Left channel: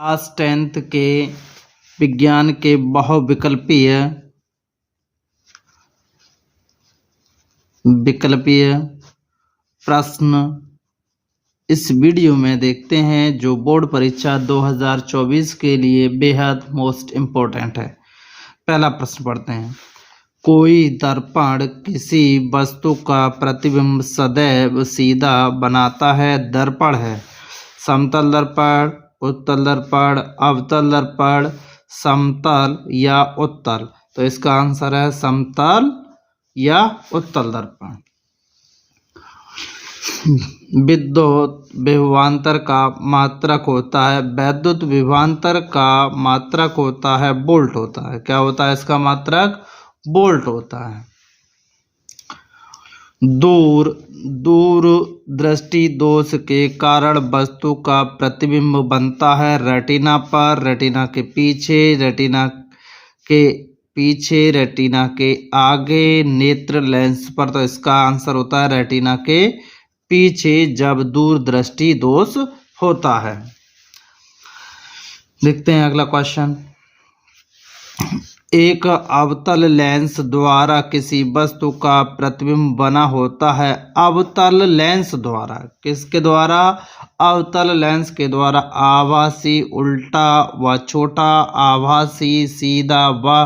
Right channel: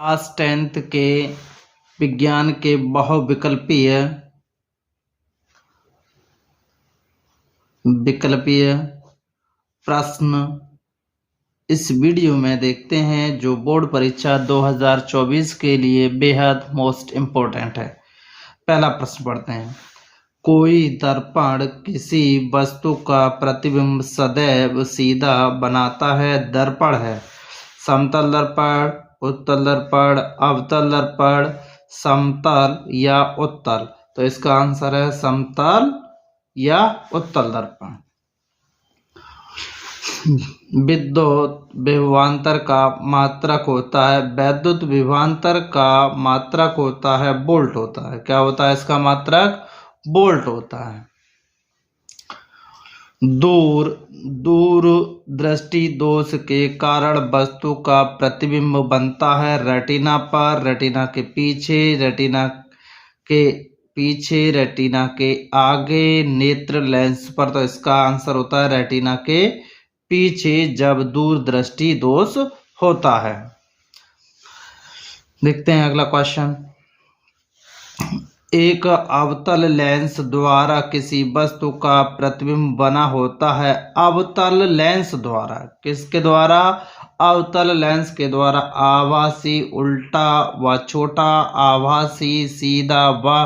Class 10th के विज्ञान के बहुविकल्पीय प्रश्न इस वीडियो में देखते हैं जो बोर्ड परीक्षा 2024 के लिए बेहद मोस्ट इम्पोर्टेंट है। पहला प्रश्न पढ़ते हैं। कोई दर्पण किसी वस्तु का प्रतिबिंब सदैव सीधा बनाता है। दर्पण है समतल दर्पण, उत्तल दर्पण, अवतल दर्पण, समतल या उत्तल। तो इसका आंसर है समतल या उत्तल दर्पण। विद्युत विभवांतर का मात्रक होता है। वैद्युत विभवांतर का मात्रक होता है वोल्ट होता है। क्या होता है इसका मात्रक? वोल्ट होता है। दूर दृष्टि दोष के कारण वस्तु का प्रतिबिंब बनता है रेटिना पर, रेटिना के पीछे, रेटिना के आगे, नेत्र लेंस पर। तो इसका आंसर होता है रेटिना के पीछे जब दूर दृष्टि दोष होता है। देखते हैं अगला क्वेश्चन। एक अवतल लेंस द्वारा किसी वस्तु का प्रतिबिंब बना होता है। अवतल लेंस द्वारा किसके द्वारा? अवतल लेंस के द्वारा आभासी उल्टा व छोटा, आभासी सीधा व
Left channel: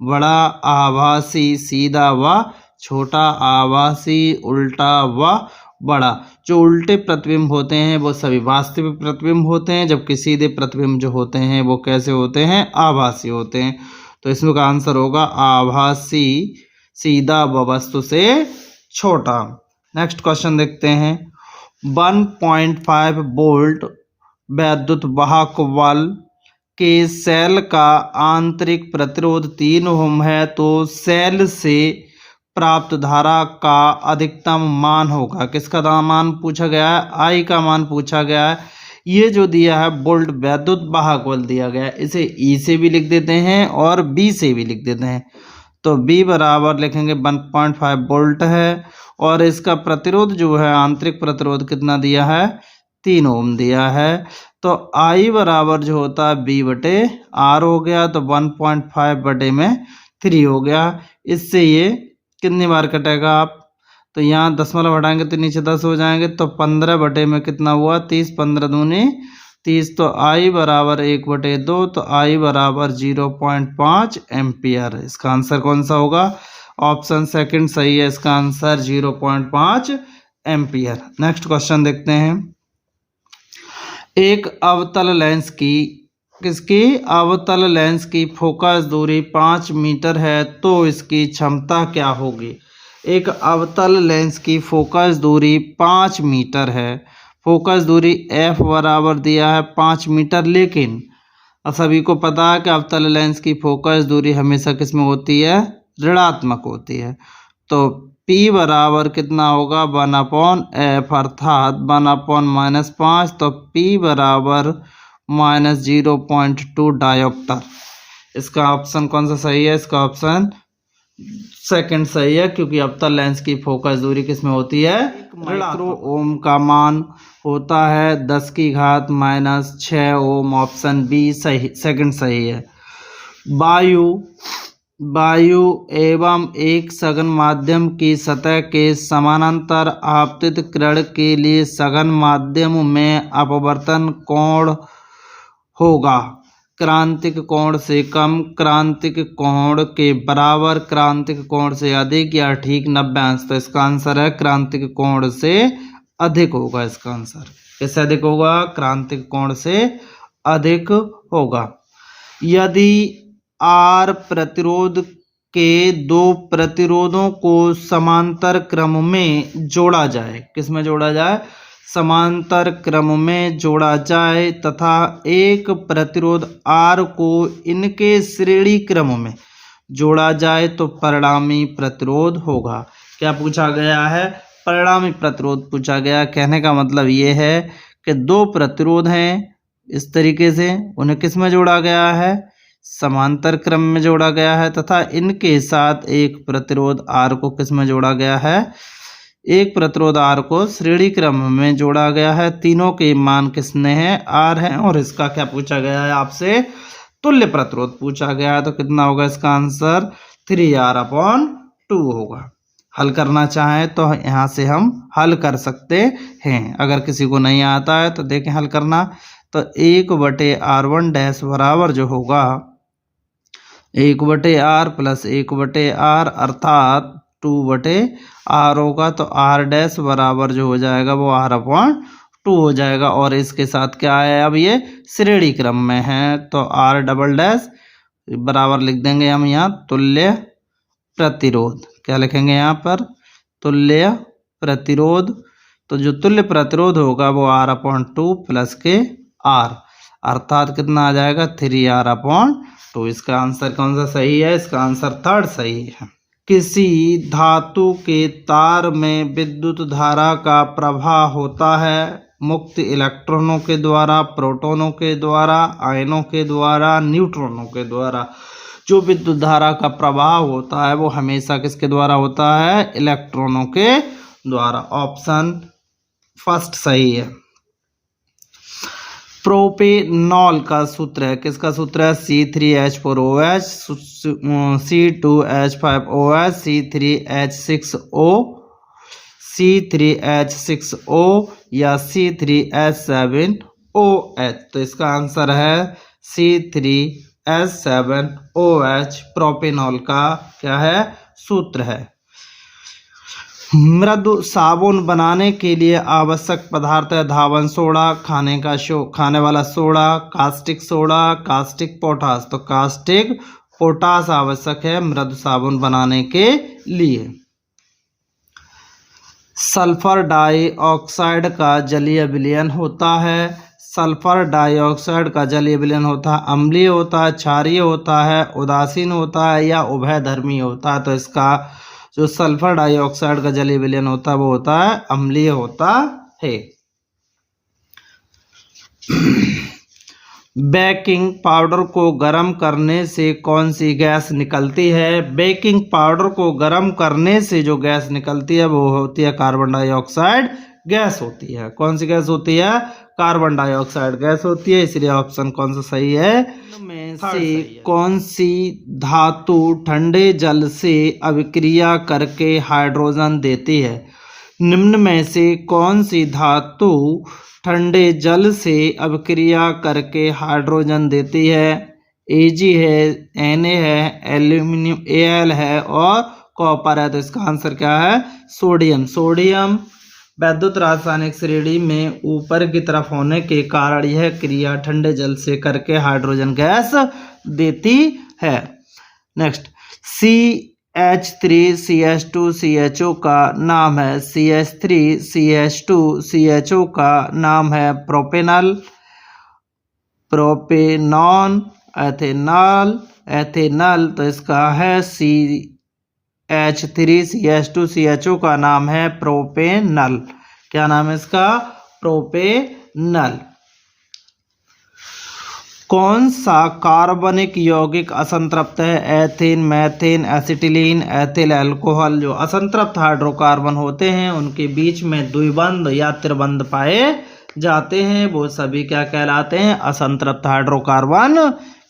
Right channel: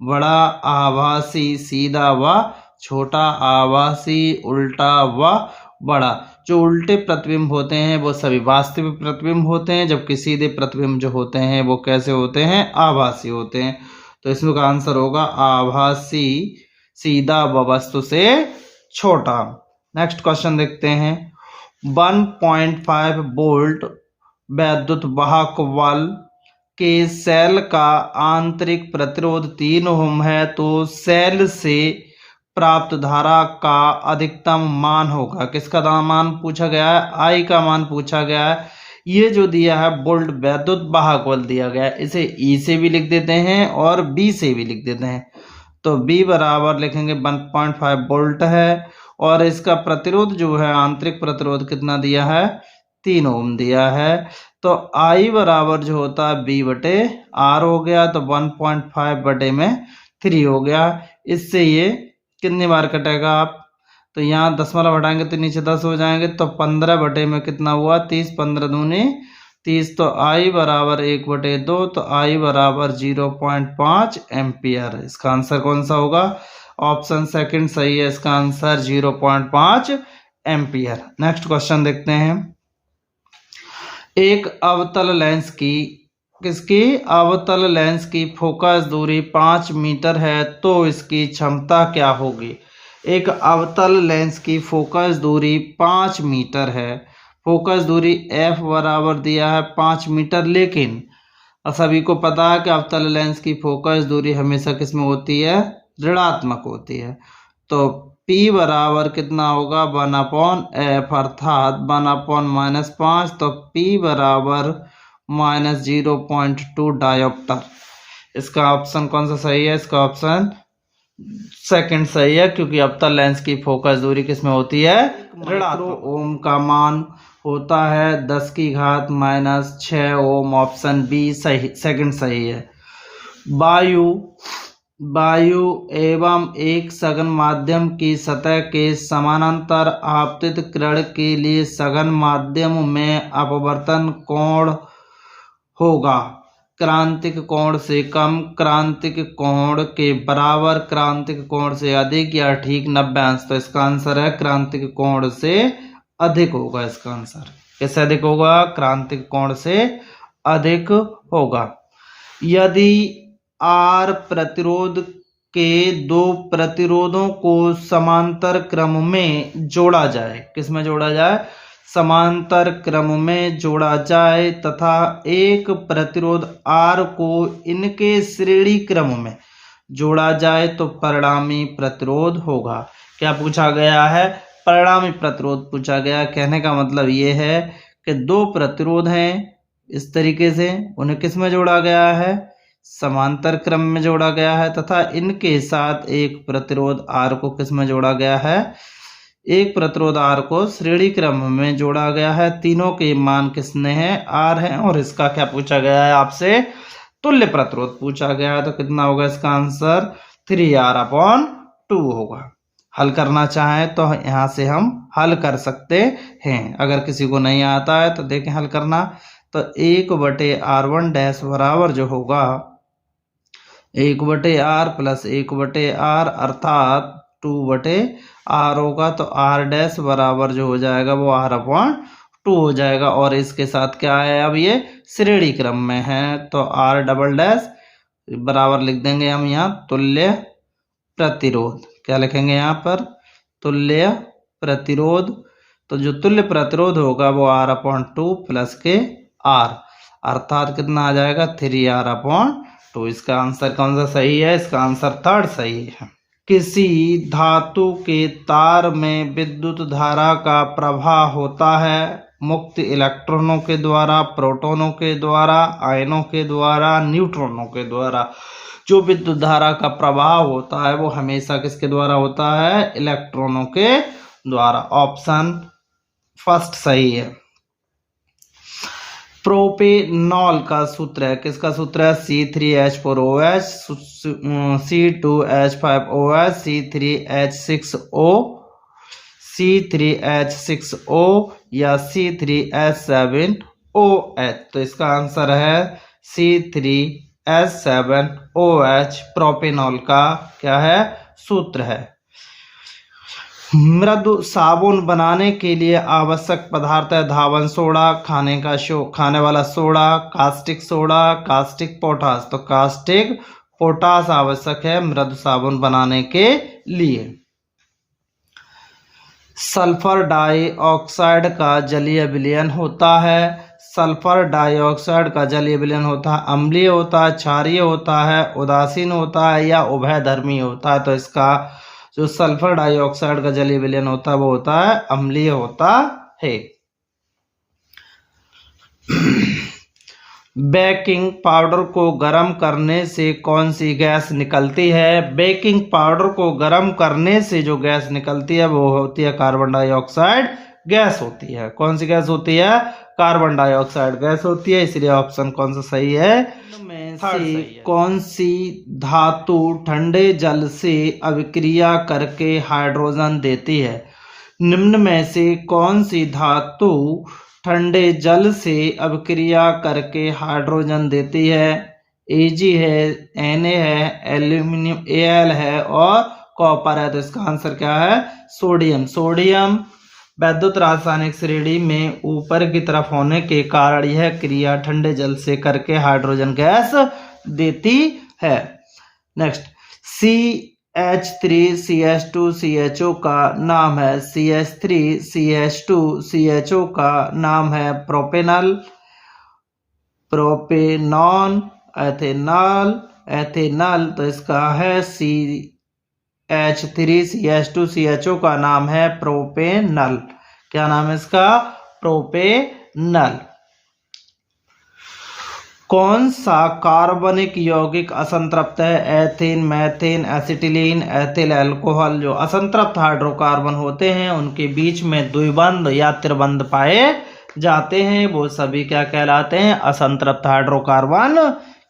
बड़ा, आभासी सीधा व छोटा, आभासी उल्टा व बड़ा। जो उल्टे प्रतिबिंब होते हैं वो सभी वास्तविक प्रतिबिंब होते हैं, जबकि सीधे प्रतिबिंब जो होते हैं वो कैसे होते हैं? आभासी होते हैं। तो इसमें का आंसर होगा आभासी सीधा व वस्तु से छोटा। नेक्स्ट क्वेश्चन देखते हैं। 1.5 वोल्ट वैद्युत वाहक बल के सेल का आंतरिक प्रतिरोध 3 ओम है, तो सेल से प्राप्त धारा का अधिकतम मान होगा। किसका मान पूछा गया है? आई का मान पूछा गया है। ये जो दिया है वोल्ट वैद्युत वाहक बल दिया गया है, इसे ई से भी लिख देते हैं और बी से भी लिख देते हैं। तो बी बराबर लिखेंगे 1.5 वोल्ट है और इसका प्रतिरोध जो है आंतरिक प्रतिरोध कितना दिया है? 3 ओम दिया है। तो आई बराबर जो होता है बी बटे आर हो गया, तो 1.5 बटे में 3 हो गया। इससे ये कितनी बार कटेगा आप? तो यहाँ दशमलव हटाएंगे तो नीचे 10 हो जाएंगे, तो 15 बटे में कितना हुआ? 30, 15 दूनी 30। तो आई बराबर 1/2, तो आई बराबर 0.5 एम्पियर। इसका आंसर कौन सा होगा? ऑप्शन सेकंड सही है। इसका आंसर 0.5 एम्पियर। नेक्स्ट क्वेश्चन देखते हैं। एक अवतल लेंस की अवतल लेंस की फोकस दूरी 5 मीटर है, तो इसकी क्षमता क्या होगी? एक अवतल लेंस की फोकस दूरी 5 मीटर है। फोकस दूरी f बराबर दिया है 5 मीटर, लेकिन सभी को पता है कि अवतल लेंस की फोकस दूरी हमेशा किसमें होती है? ऋणात्मक होती है। तो p बराबर कितना होगा? 1/f, अर्थात 1/-5। तो p बराबर -0.2 डायोप्टर। इसका ऑप्शन कौन सा सही है? इसका ऑप्शन सेकंड सही है, क्योंकि अवतल लेंस की फोकस दूरी किसमें होती है? ऋणात्मक। ओम का मान होता है 10⁻⁻6 ओम। ऑप्शन बी सही, सेकंड सही है। वायु एवं एक सघन माध्यम की सतह के समानांतर आपतित किरण के लिए सघन माध्यम में अपवर्तन कोण होगा क्रांतिक कोण से कम, क्रांतिक कोण के बराबर, क्रांतिक कोण से अधिक या ठीक 90 अंश। तो इसका आंसर है क्रांतिक कोण से अधिक होगा। इसका आंसर कैसे अधिक होगा? क्रांतिक कोण से अधिक होगा। यदि आर प्रतिरोध के दो प्रतिरोधों को समांतर क्रम में जोड़ा जाए, किसमें जोड़ा जाए? समांतर क्रम में जोड़ा जाए, तथा एक प्रतिरोध R को इनके श्रेणी क्रम में जोड़ा जाए, तो परिणामी प्रतिरोध होगा। क्या पूछा गया है? परिणामी प्रतिरोध पूछा गया। कहने का मतलब ये है कि दो प्रतिरोध हैं इस तरीके से, उन्हें किस में जोड़ा गया है? समांतर क्रम में जोड़ा गया है, तथा इनके साथ एक प्रतिरोध R को किस में जोड़ा गया है? एक प्रतिरोध R को श्रेणी क्रम में जोड़ा गया है, तीनों के मान किसने हैं, R है, और इसका क्या पूछा गया है आपसे, तुल्य प्रतिरोध पूछा गया है। तो कितना होगा इसका आंसर 3R/2 होगा। हल करना चाहें तो यहाँ से हम हल कर सकते हैं। अगर किसी को नहीं आता है तो देखें हल करना। तो 1/R1 बराबर जो होगा 1/R प्लस 1/R अर्थात 2/R होगा। तो R' बराबर जो हो जाएगा वो R/2 हो जाएगा। और इसके साथ क्या है, अब ये श्रेणी क्रम में है तो R" बराबर लिख देंगे हम यहाँ तुल्य प्रतिरोध। क्या लिखेंगे यहाँ पर, तुल्य प्रतिरोध। तो जो तुल्य प्रतिरोध होगा वो R/2 प्लस के R अर्थात कितना आ जाएगा 3R/2। इसका आंसर कौन सा सही है, इसका आंसर थर्ड सही है। किसी धातु के तार में विद्युत धारा का प्रवाह होता है मुक्त इलेक्ट्रॉनों के द्वारा, प्रोटॉनों के द्वारा, आयनों के द्वारा, न्यूट्रॉनों के द्वारा। जो विद्युत धारा का प्रवाह होता है वो हमेशा किसके द्वारा होता है, इलेक्ट्रॉनों के द्वारा। ऑप्शन फर्स्ट सही है। प्रोपेनॉल का सूत्र है, किसका सूत्र है, C3H4OH, C2H5OH, C3H6O, C3H6O या C3H7OH। तो इसका आंसर है C3H7OH प्रोपेनॉल का क्या है, सूत्र है। मृदु साबुन बनाने के लिए आवश्यक पदार्थ है धावन सोडा, खाने वाला soda, caustic soda, caustic potash. तो कास्टिक पोटास आवश्यक है मृदु साबुन बनाने के लिए। सल्फर डाइऑक्साइड का जलीय विलयन होता है, सल्फर डाइऑक्साइड का जलीय विलयन होता है अम्लीय होता है, क्षारीय होता है, उदासीन होता है या उभयधर्मी होता है। तो इसका जो सल्फर डाइऑक्साइड का जलीय विलयन होता है वो होता है अम्लीय होता है। बेकिंग पाउडर को गर्म करने से कौन सी गैस निकलती है, बेकिंग पाउडर को गर्म करने से जो गैस निकलती है वो होती है कार्बन डाइऑक्साइड गैस होती है। कौन सी गैस होती है, कार्बन डाइऑक्साइड गैस होती है। इसलिए ऑप्शन कौन सा सही है, में से कौन सी धातु ठंडे जल से अभिक्रिया करके हाइड्रोजन देती है। निम्न में से कौन सी धातु ठंडे जल से अभिक्रिया करके हाइड्रोजन देती है, Ag है, Na है, एल्यूमिनियम Al है और कॉपर है। तो इसका आंसर क्या है, सोडियम। सोडियम वैद्युत रासायनिक श्रेणी में ऊपर की तरफ होने के कारण यह क्रिया ठंडे जल से करके हाइड्रोजन गैस देती है। नेक्स्ट, CH3CH2CHO का नाम है, CH3CH2CHO का नाम है प्रोपेनॉल, प्रोपेनॉन, एथेनॉल, एथेनॉल। तो इसका है CH3CH2CHO का नाम है प्रोपेनॉल। क्या नाम है इसका, प्रोपेनॉल। कौन सा कार्बनिक यौगिक असंतृप्त है, ethane, methane, acetylene, ethyl alcohol. जो असंतृप्त हाइड्रोकार्बन होते हैं उनके बीच में द्विबंध या त्रिबंध पाए जाते हैं वो सभी क्या कहलाते हैं, असंतृप्त हाइड्रोकार्बन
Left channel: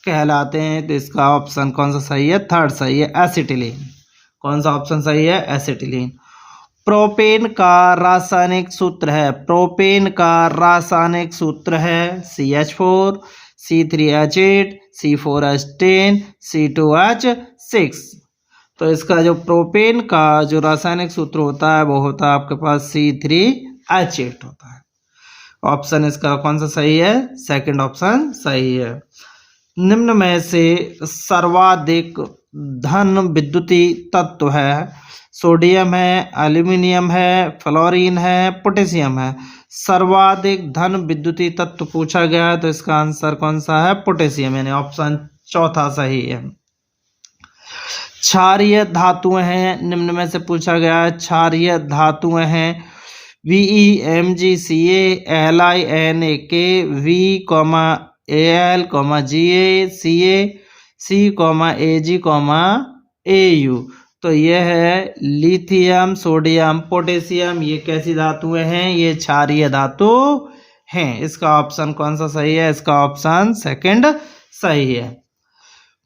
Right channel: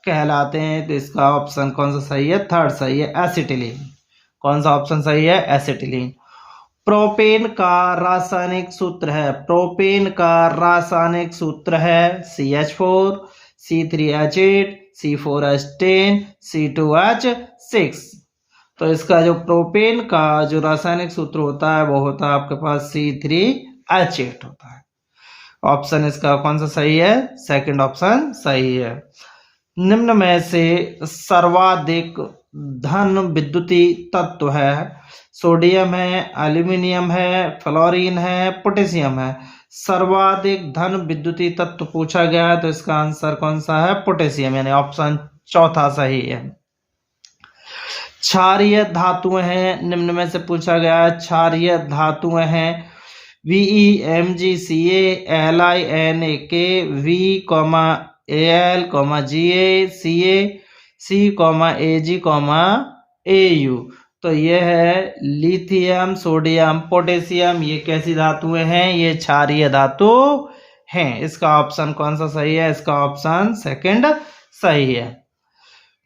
कहलाते हैं। तो इसका ऑप्शन कौन सा सही है, थर्ड सही है, एसिटिलीन। कौन सा ऑप्शन सही है, एसिटिलीन। प्रोपेन का रासायनिक सूत्र है, प्रोपेन का रासायनिक सूत्र है CH4, C3H8, C4H10, C2H6। तो इसका जो प्रोपेन का जो रासायनिक सूत्र होता है वो होता है आपके पास C3H8 होता है। ऑप्शन इसका कौन सा सही है, सेकंड ऑप्शन सही है। निम्न में से सर्वाधिक धन विद्युतीय तत्व है, सोडियम है, एल्यूमिनियम है, फ्लोरीन है, पोटेशियम है। सर्वाधिक धन विद्युतीय तत्व पूछा गया है तो इसका आंसर कौन सा है, पोटेशियम, यानी ऑप्शन चौथा सही है। क्षारीय धातुएं हैं, निम्न में से पूछा गया है क्षारीय धातुएं हैं VeMgCa, LiNaK, V, Al, Ga, Ca, C, Ag, Au। तो ये है लिथियम, सोडियम, पोटेशियम, ये कैसी धातुएं हैं? ये क्षारीय धातु हैं। इसका ऑप्शन कौन सा सही है? इसका ऑप्शन सेकंड सही है।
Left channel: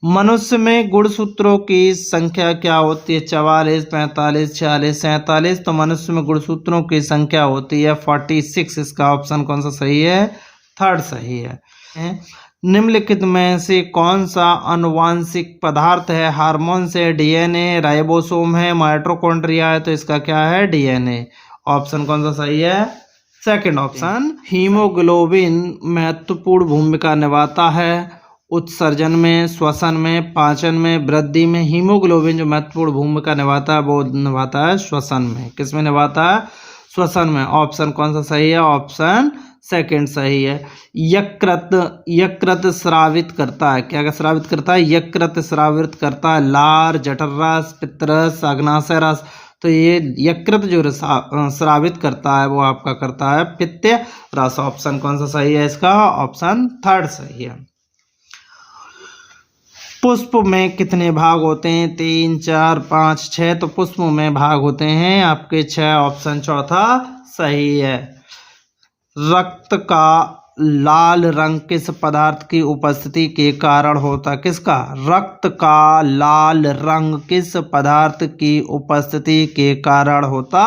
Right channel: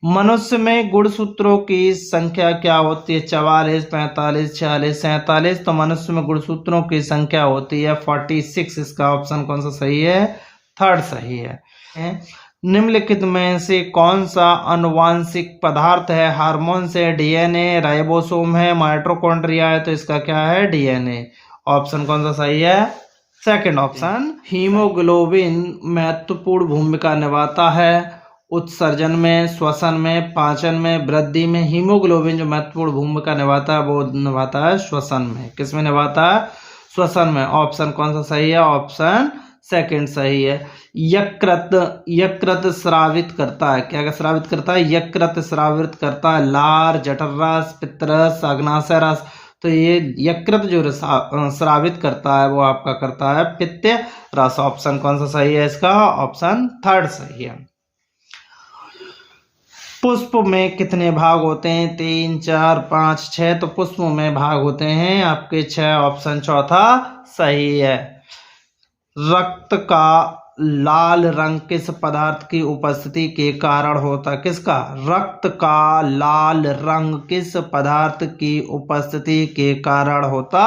मनुष्य में गुणसूत्रों की संख्या क्या होती है? 44, 45, 46, 47। तो मनुष्य में गुणसूत्रों की संख्या होती है 46। इसका ऑप्शन कौन सा सही है? थर्ड सही है। निम्नलिखित में से कौन सा आनुवांशिक पदार्थ है? हार्मोन से, डीएनए, राइबोसोम है, माइटोकॉन्ड्रिया है। तो इसका क्या है? डीएनए। ऑप्शन कौन सा सही है? Second option. हीमोग्लोबिन महत्वपूर्ण भूमिका निभाता है उत्सर्जन में, श्वसन में, पाचन में, वृद्धि में। हीमोग्लोबिन जो महत्वपूर्ण भूमिका निभाता है वो निभाता है श्वसन में। किस में निभाता है? श्वसन में। ऑप्शन कौन सा सही है? ऑप्शन सेकंड सही है। यकृत स्रावित करता है। क्या स्रावित करता है? यकृत स्रावित करता है लार, जठररस, पित्तरस, अग्नाशय रस। तो ये यकृत जो स्रावित करता है वो आपका करता है पित्त रस। ऑप्शन कौन सा सही है? इसका ऑप्शन थर्ड सही है। पुष्प में कितने भाग होते हैं? 3, 4, 5, 6। तो पुष्प में भाग होते हैं आपके 6। ऑप्शन चौथा सही है। रक्त का लाल रंग किस पदार्थ की उपस्थिति के कारण होता है? किसका? रक्त का लाल रंग किस पदार्थ की उपस्थिति के कारण होता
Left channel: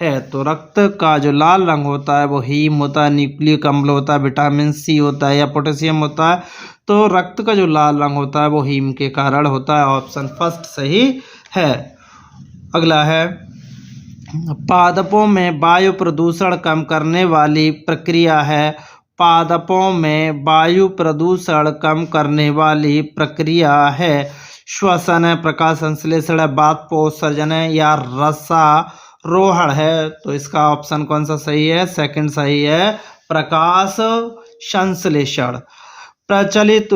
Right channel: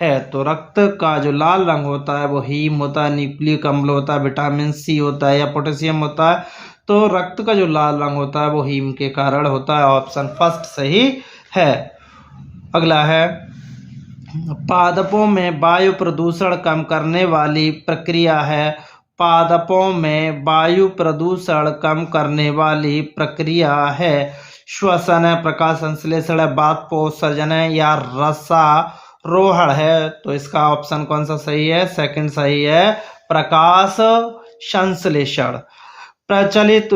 है? तो रक्त का जो लाल रंग होता है वो हीम होता है, न्यूक्लिक अम्ल होता है, विटामिन सी होता है या पोटेशियम होता है। तो रक्त का जो लाल रंग होता है वो हीम के कारण होता है। ऑप्शन फर्स्ट सही है। अगला है, पादपों में वायु प्रदूषण कम करने वाली प्रक्रिया है। पादपों में वायु प्रदूषण कम करने वाली प्रक्रिया है। श्वसन है, प्रकाश संश्लेषण है, बाष्पोत्सर्जन है या रसारोहण है। तो इसका ऑप्शन कौन सा सही है? सेकंड सही है, प्रकाश संश्लेषण। प्रचलित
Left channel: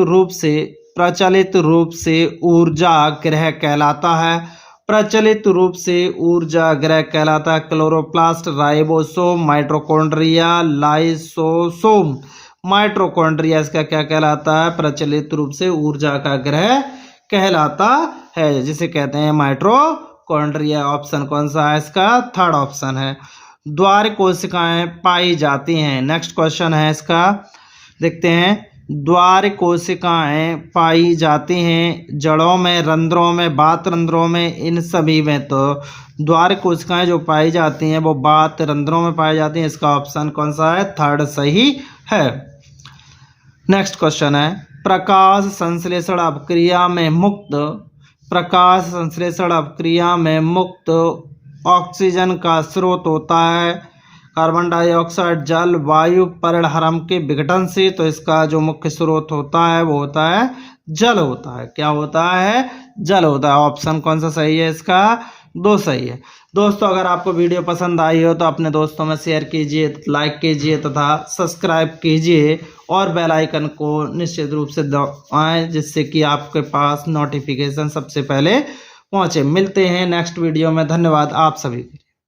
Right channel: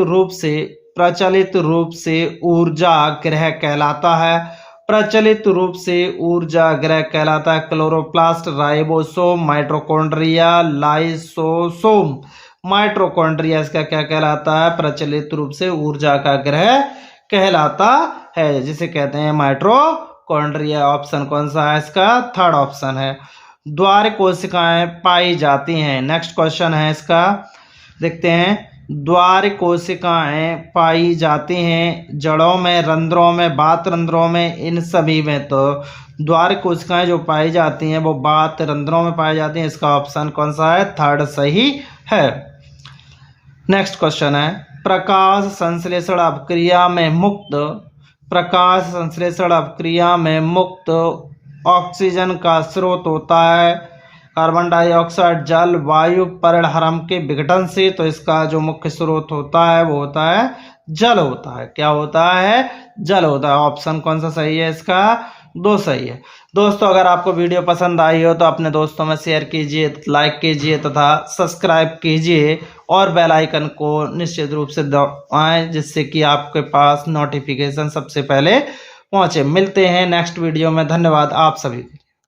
रूप से ऊर्जा ग्रह कहलाता है। प्रचलित रूप से ऊर्जा ग्रह कहलाता है chloroplast, ribosome, mitochondria, lysosome. Mitochondria इसका क्या कहलाता है? प्रचलित रूप से ऊर्जा का ग्रह कहलाता है, जिसे कहते हैं माइटोकॉन्ड्रिया। ऑप्शन कौन सा है? इसका थर्ड ऑप्शन है। द्वार कोशिकाएं पाई जाती हैं। नेक्स्ट क्वेश्चन है इसका, देखते हैं। द्वार कोशिकाएं पाई जाती हैं जड़ों में, रंध्रों में, बात रंध्रों में, इन सभी में। तो द्वार कोशिकाएं जो पाई जाती हैं वो बात रंध्रों में पाई जाती हैं। इसका ऑप्शन कौन सा है? थर्ड सही है। नेक्स्ट क्वेश्चन है, प्रकाश संश्लेषण अपक्रिया में मुक्त ऑक्सीजन का स्रोत होता है कार्बन डाइऑक्साइड, जल, वायु, परिणहरम के विघटन से। तो इसका जो मुख्य स्रोत होता है वो होता है जल होता है। क्या होता है? जल होता है। ऑप्शन कौन सा सही है? इसका दो सही है। दोस्तों, अगर आपको वीडियो पसंद आई हो तो अपने दोस्तों में शेयर कीजिए, लाइक कीजिए तथा सब्सक्राइब कीजिए और बेल आइकन को निश्चित रूप से दबाएं, जिससे कि आपके पास नोटिफिकेशन सबसे पहले पहुंचे। मिलते हैं नेक्स्ट वीडियो में। धन्यवाद आप सभी।